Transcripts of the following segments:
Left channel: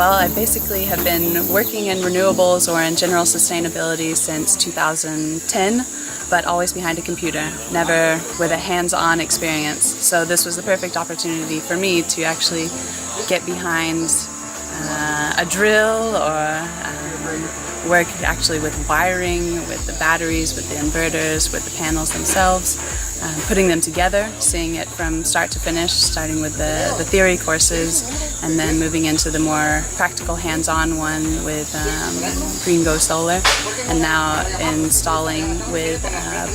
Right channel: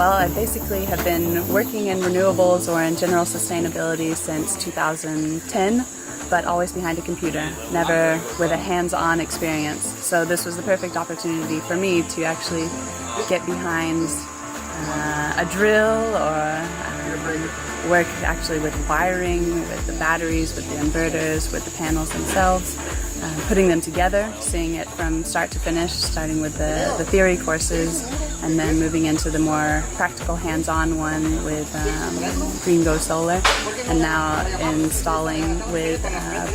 Well, I basically have been working in renewables or in general sustainability since 2010, but always behind a computer, never with a hands-on experience. So this was the perfect opportunity for me to actually get behind a drill or work actually with wiring, with the batteries, with the inverters, with the panels themselves, putting them together, seeing it from start to finish, starting with the theory courses and then moving into the more practical hands-on one with Green Go Solar, and now installing with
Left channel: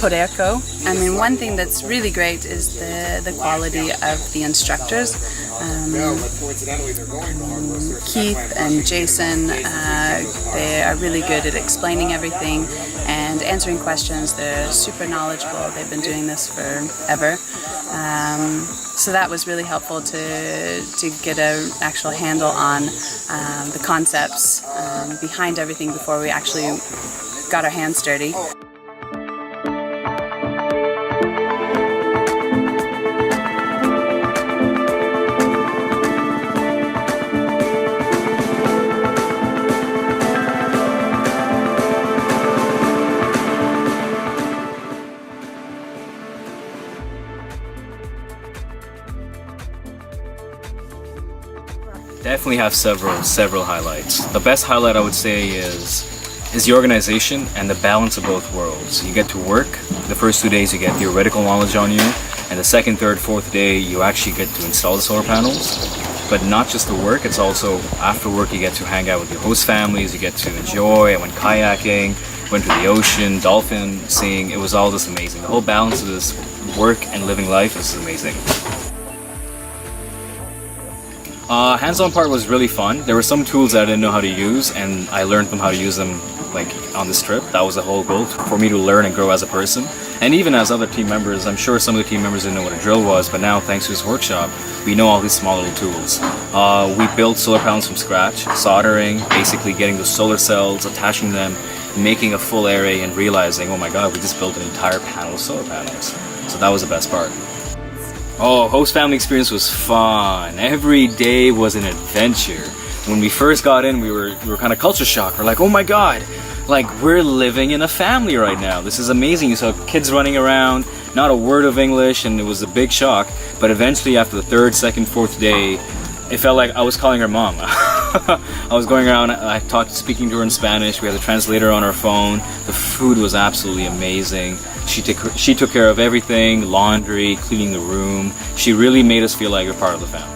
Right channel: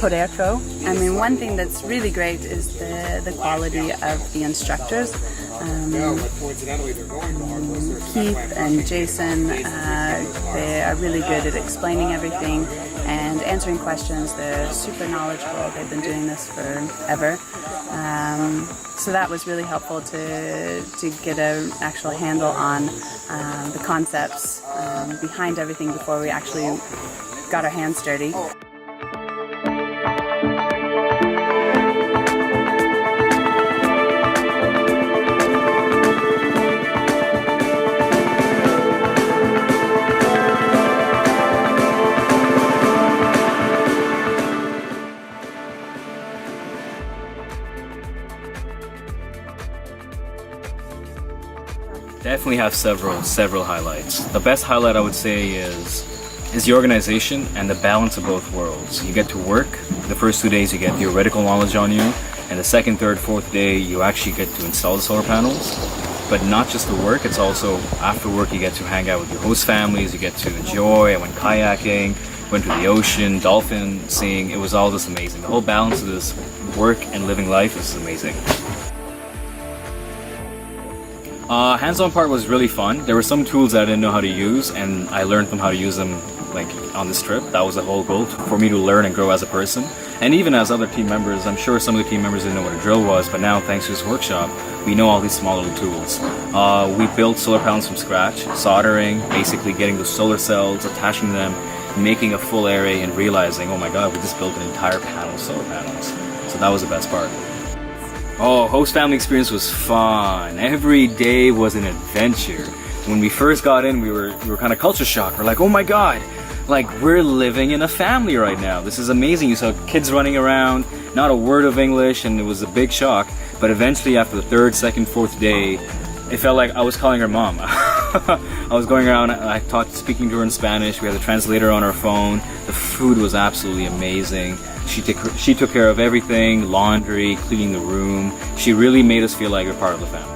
Bonarrigo. I mean, one thing that's really great is the quality of the instructors. Keith and Jason, they are really good at explaining everything and answering questions. They're super knowledgeable. They've been doing this forever. So that was really helpful to get an actual handle on the concepts behind everything before we actually got our hands dirty. Definitely have several highlights. The best highlight I would say is the organization and the balance of both worlds. You get to work. The first 2 days you get theoretical knowledge on you, and the second, third, fourth day you actually get to install the solar panels. But not just the work, it's also after work you get to hang out with your host families, you get to enjoy. I went kayaking, went to the ocean, dolphin seeing. It was all just amazing. The whole balance of this work and living life is amazing. Hands-on part was really fun. There were some tools that I didn't know how to use, and I learned them how to use them like on this trip. That was the whole goal, for me to learn and grow as a person. And even as other team members, I'm sure some of the team members didn't know what a drill was, but now thanks to this workshop, we know all these small little tools. We built solar panels from scratch, soldering, basically getting the solar cells, attaching them, making a full array, and realizing, oh my god, we just built an entire panel of solar panels. So that was the best part. Oh, host family experience was fun. Every day was an adventure. When we first got in, we were kind of culture shocked. We're like, oh my god, like we're living in a family right now. This is amazing. You saw kids running around, not a word of English, and it was a big shock. But eventually, after the third, second, fourth day, it felt like I was calling her mom. I was going around, speaking to her in Spanish. We had a translator on our phone. The food was absolutely amazing. She took care of everything, laundry, cleaning the room. She really made us feel like we're part of the family.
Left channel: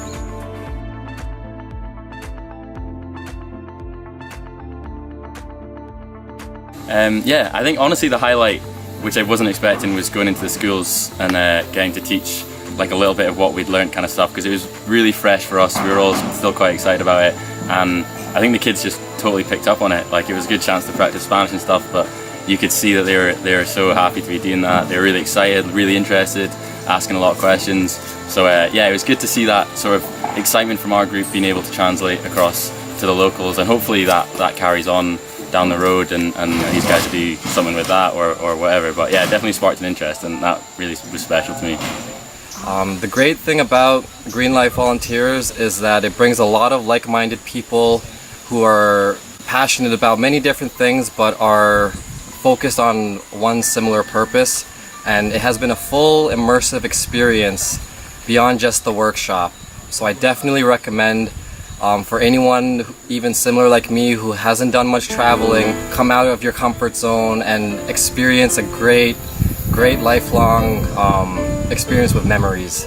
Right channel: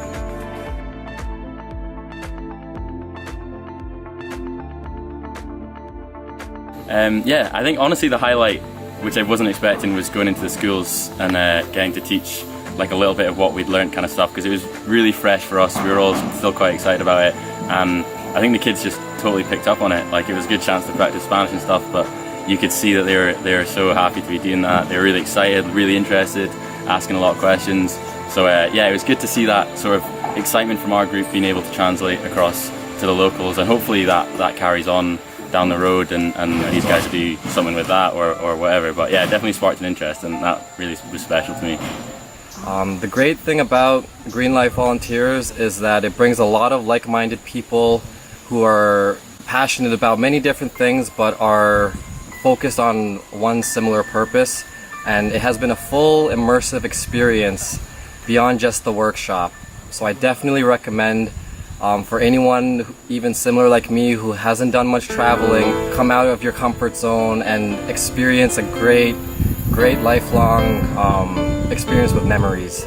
Yeah, I think honestly the highlight, which I wasn't expecting, was going into the schools and getting to teach like a little bit of what we'd learned kind of stuff, because it was really fresh for us. We were all still quite excited about it. I think the kids just totally picked up on it. Like, it was a good chance to practice Spanish and stuff, but you could see that they were so happy to be doing that. They were really excited, really interested, asking a lot of questions. So yeah, it was good to see that sort of excitement from our group being able to translate across to the locals, and hopefully that carries on down the road, and these guys will do something with that or whatever. But yeah, it definitely sparked an interest, and that really was special to me. The great thing about Green Life Volunteers is that it brings a lot of like-minded people who are passionate about many different things but are focused on one similar purpose, and it has been a full immersive experience beyond just the workshop. So I definitely recommend for anyone even similar like me who hasn't done much traveling, come out of your comfort zone and experience a great lifelong experience with memories.